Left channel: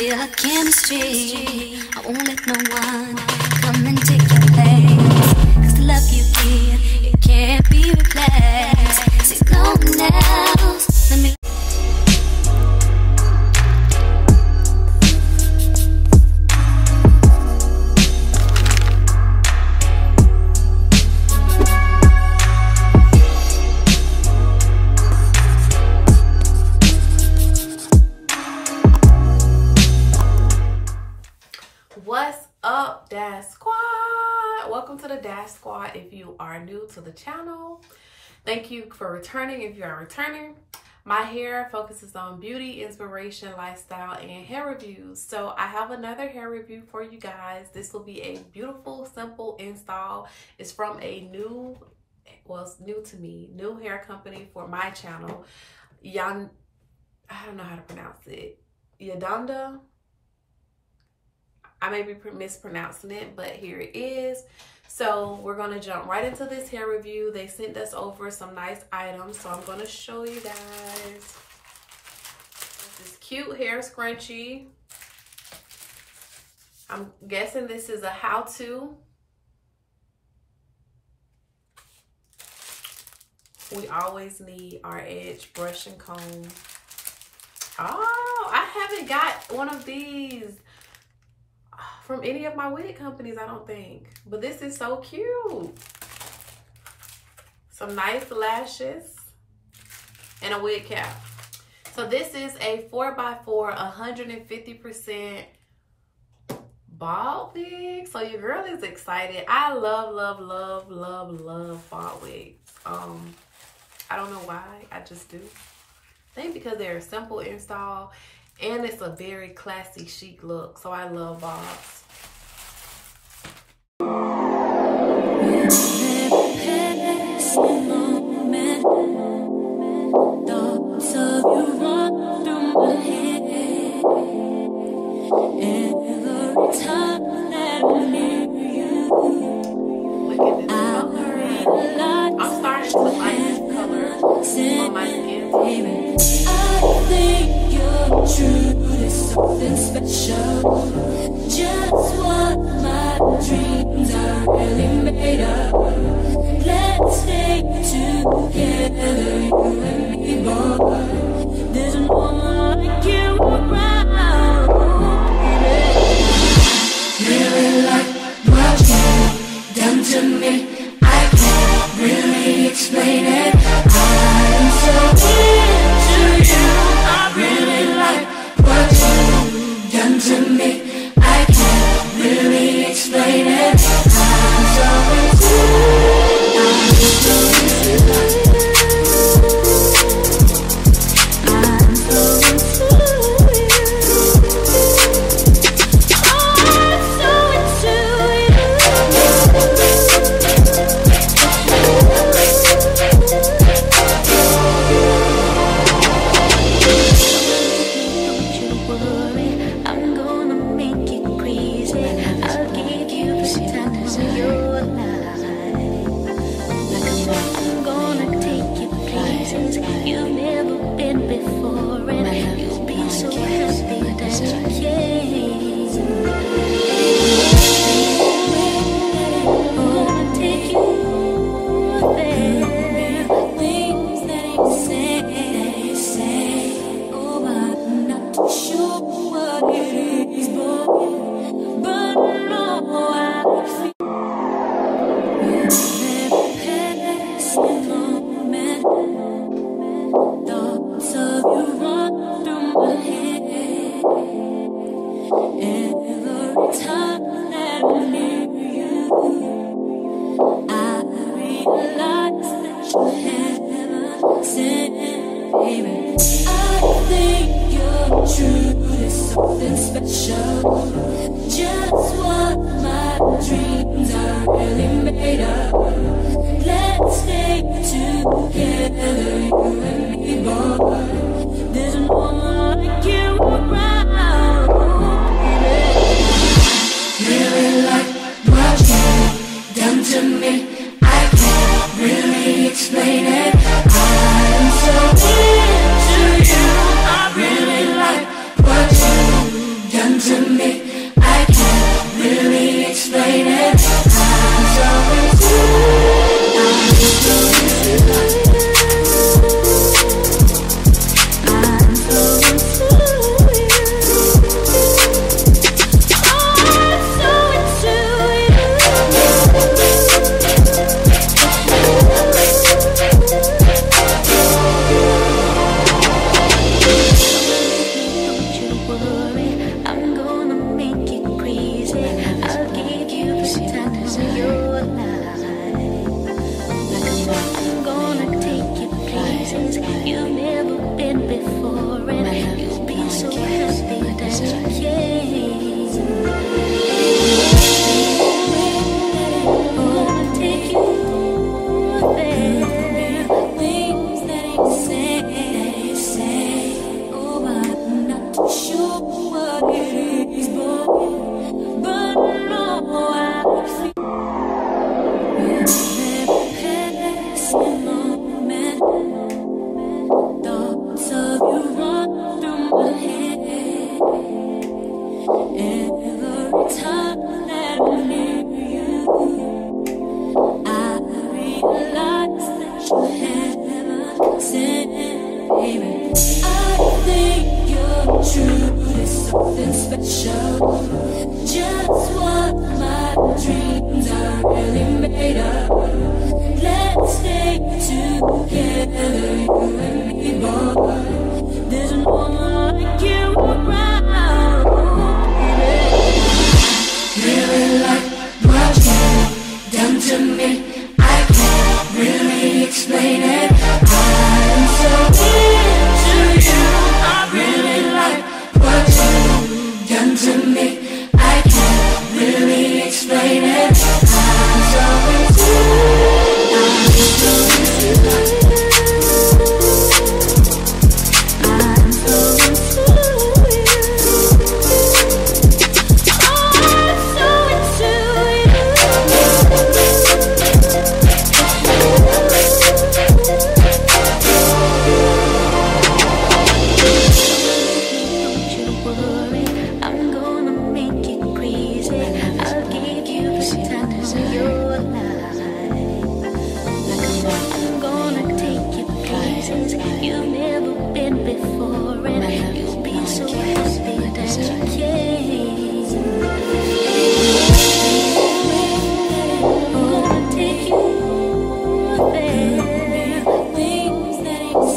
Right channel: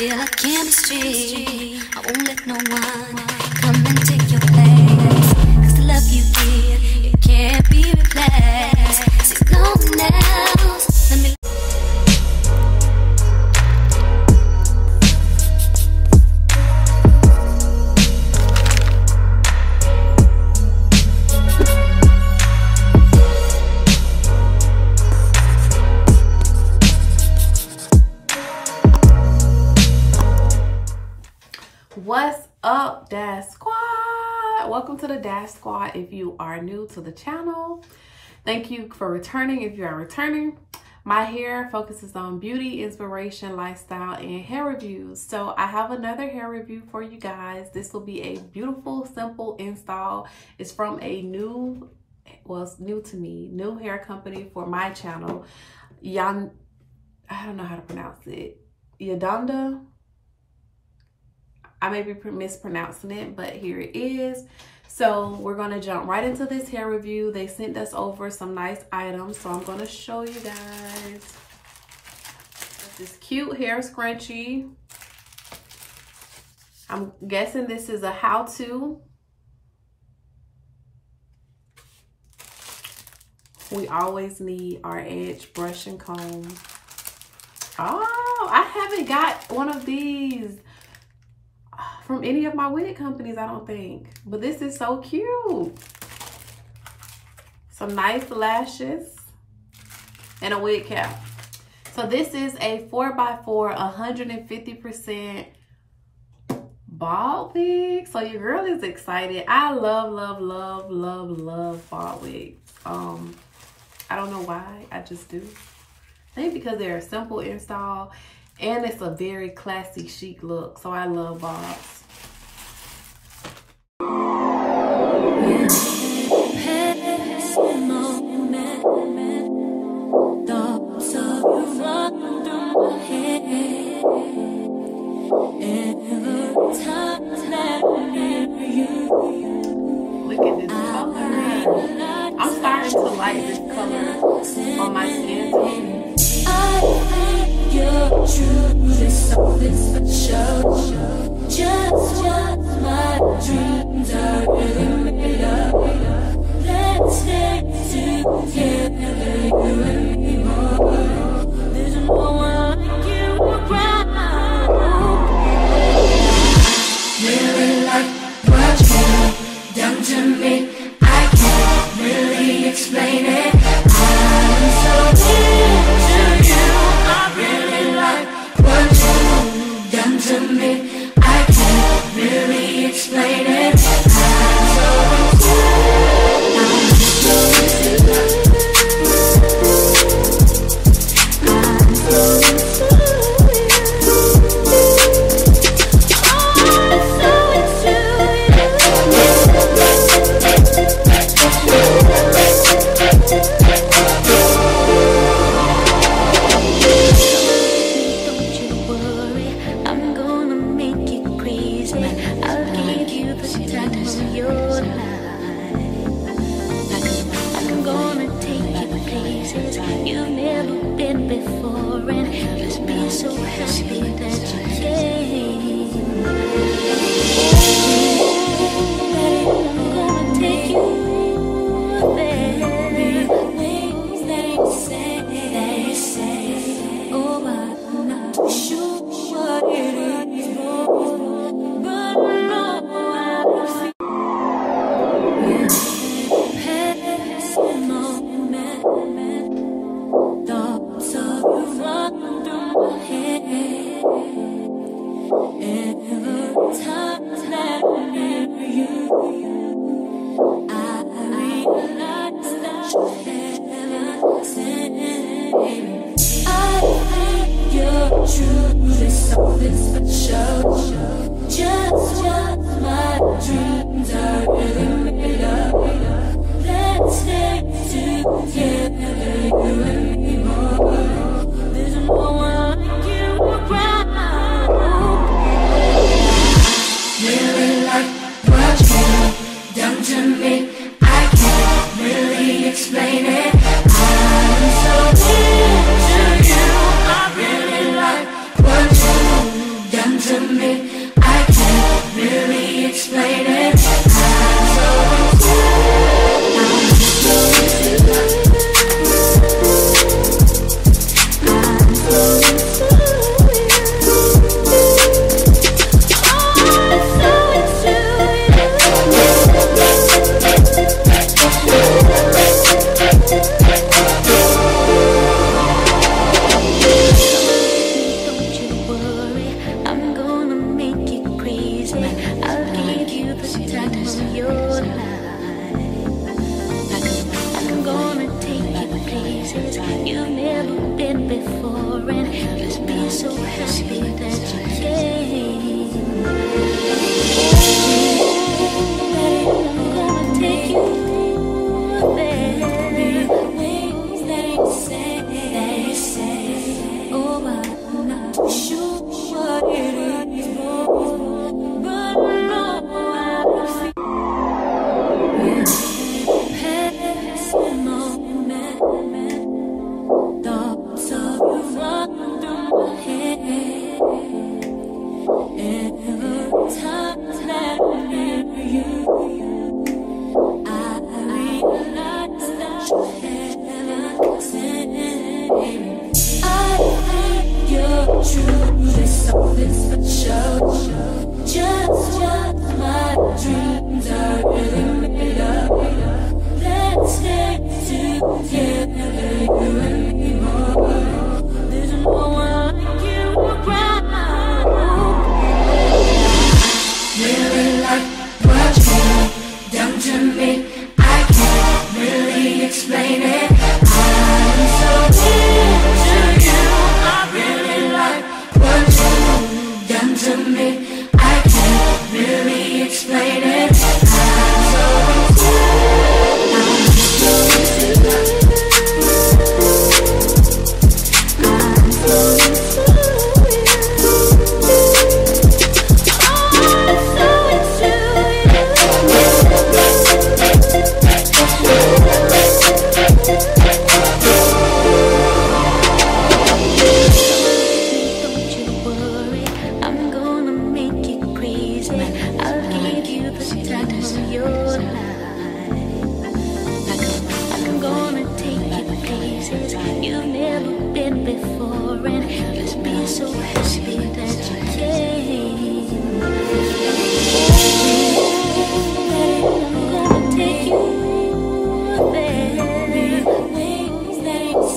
feel a chemistry. I won't let no one come and take your place. 'Cause the love you give, it can't be replaced. See no one else. Let me. What's up, Dash Squad? Welcome to the Dash Squad. If you are new to the channel, thank you for returning. If you are returning, my hair focuses on beauty, inspiration, lifestyle, and hair reviews. So I have another hair review for you guys. This will be a beautiful, simple install. It's from a new, well, it's new to me, new hair company for my channel. I don't know how to pronounce it. Junoda. I may be mispronouncing it, but here it is. So we're gonna jump right into this hair review. They sent us over some nice items, so I'm gonna show you guys. This cute hair scrunchie. I'm guessing this is a how-to. We always need our edge brush and comb. Oh, I haven't got one of these from any of my wig companies, I don't think. But this is so cute. Some nice lashes and a wig cap. So this is a 4x4 150% bald wig. So your girl is excited. I love, love, love, love, love bald wigs. I don't know why, I just do. I think because they're a simple install and it's a very classy, chic look. So I love bobs. Thoughts of you run through my head. Every time that I'm near you, Look at this color. I'm starting to like this color on my skin. I think you're truly something special. Just what my dreams are really made of. Let's stay together, you and me, boy. There's no one like you around, baby. Really like what you've done to me. I can't really explain it. I'm so into you. I really like what you've done to me. I can't really explain it. I'm so into you. You've never been before, and you'll be so happy that you came. I'm gonna take you there. Things that they say. Oh, I'm not too sure what it is, boy, but I know I feel. Passing moment. Thoughts of you run through my head. Every time that I'm near you, I realize that you're heaven sent, baby. I think you're truly something special. Just what my dreams are really made of. Let's stay together, you and me, boy. There's no one like you around, baby. Really like what you've done to me. I can't really explain it. I'm so into you. I really like what you've done. done to me. I can't really explain it. I'm so into it. I'm so into it. I'm so into it. Oh, I'm so into Don't you worry, I'm gonna make it crazy. I'll give you the time of your life. I'm gonna take you places you've never been before, and you'll be so happy that you came. I'm gonna take you there. Wings that they say. Oh, I'm not sure what it is, boy, but no, I feel with every passing moment. Thoughts of you run through my head. Every time that I'm near you, I realize that you're heaven sent, baby. I think you're true, there's something special. Just what my dreams are really made of. Let's stay together, you and me, boy. There's no one like you around, baby. I really like what you've done to me. I can't really explain it. I'm so into you. I really like what you've done to me. I can't really explain it. I'm so into it. I'm so into it. I'm so into it. Oh, I'm so into Don't you worry, I'm gonna make it crazy. I'll give you the time of your life. I'm gonna take you places you've never been before, and you'll be so happy that you came. I'm gonna take you there. Wings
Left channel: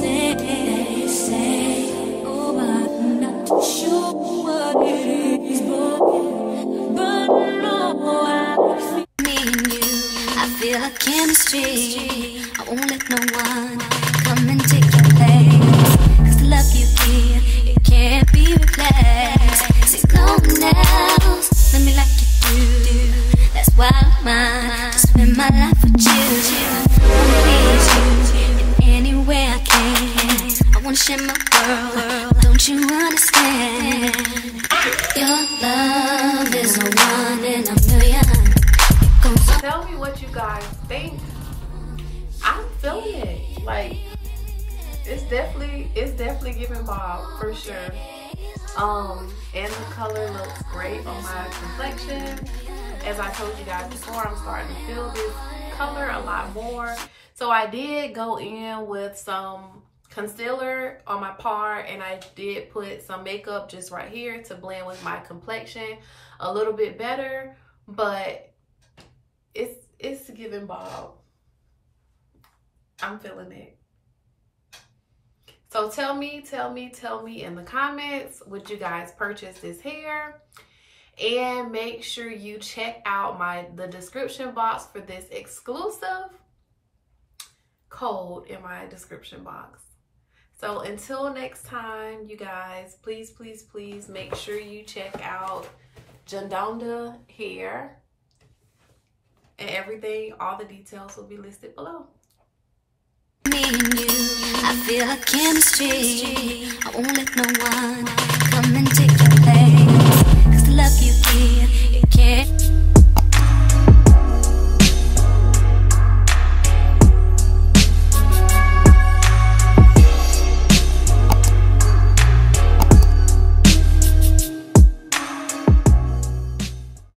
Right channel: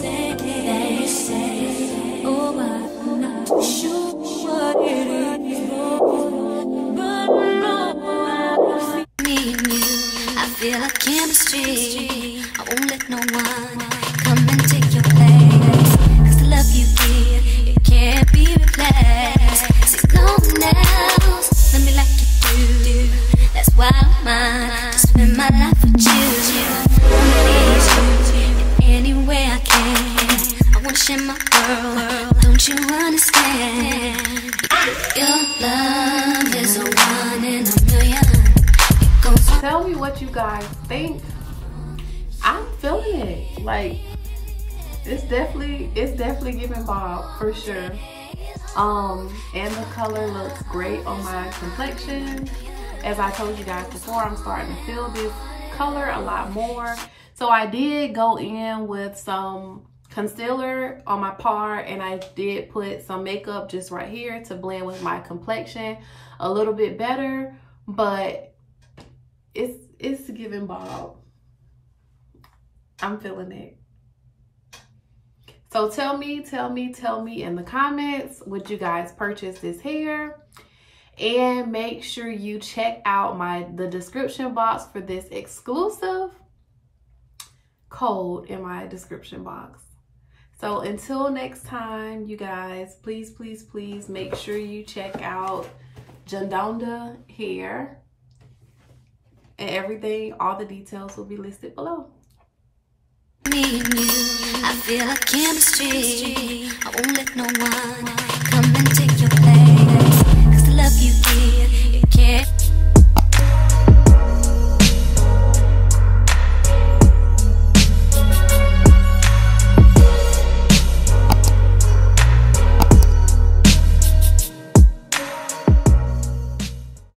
that they say. Oh, but I'm not sure what it is, boy, but no, I feel me and you. I feel a chemistry. I won't let no one come and take your place. 'Cause the love you give, it can't be replaced. See, no one else love me like you do. That's why I'm mine, to spend my life with you. I wanna please you in any way I can. I wanna share my world, don't you understand? Your love is a one in a billion. It goes on. Tell me what you guys think. I'm feeling it. Like, it's definitely giving Bob for sure. And the color looks great on my complexion. As I told you guys before, I'm starting to feel this color a lot more. So I did go in with some concealer on my part, and I did put some makeup just right here to blend with my complexion a little bit better, but it's giving Bob. I'm feeling it. So tell me in the comments, would you guys purchase this hair? And make sure you check out the description box for this exclusive code in my description box. So until next time, you guys, please make sure you check out Junoda hair, and everything, all the details will be listed below. Me and you, I feel a chemistry. I won't let no one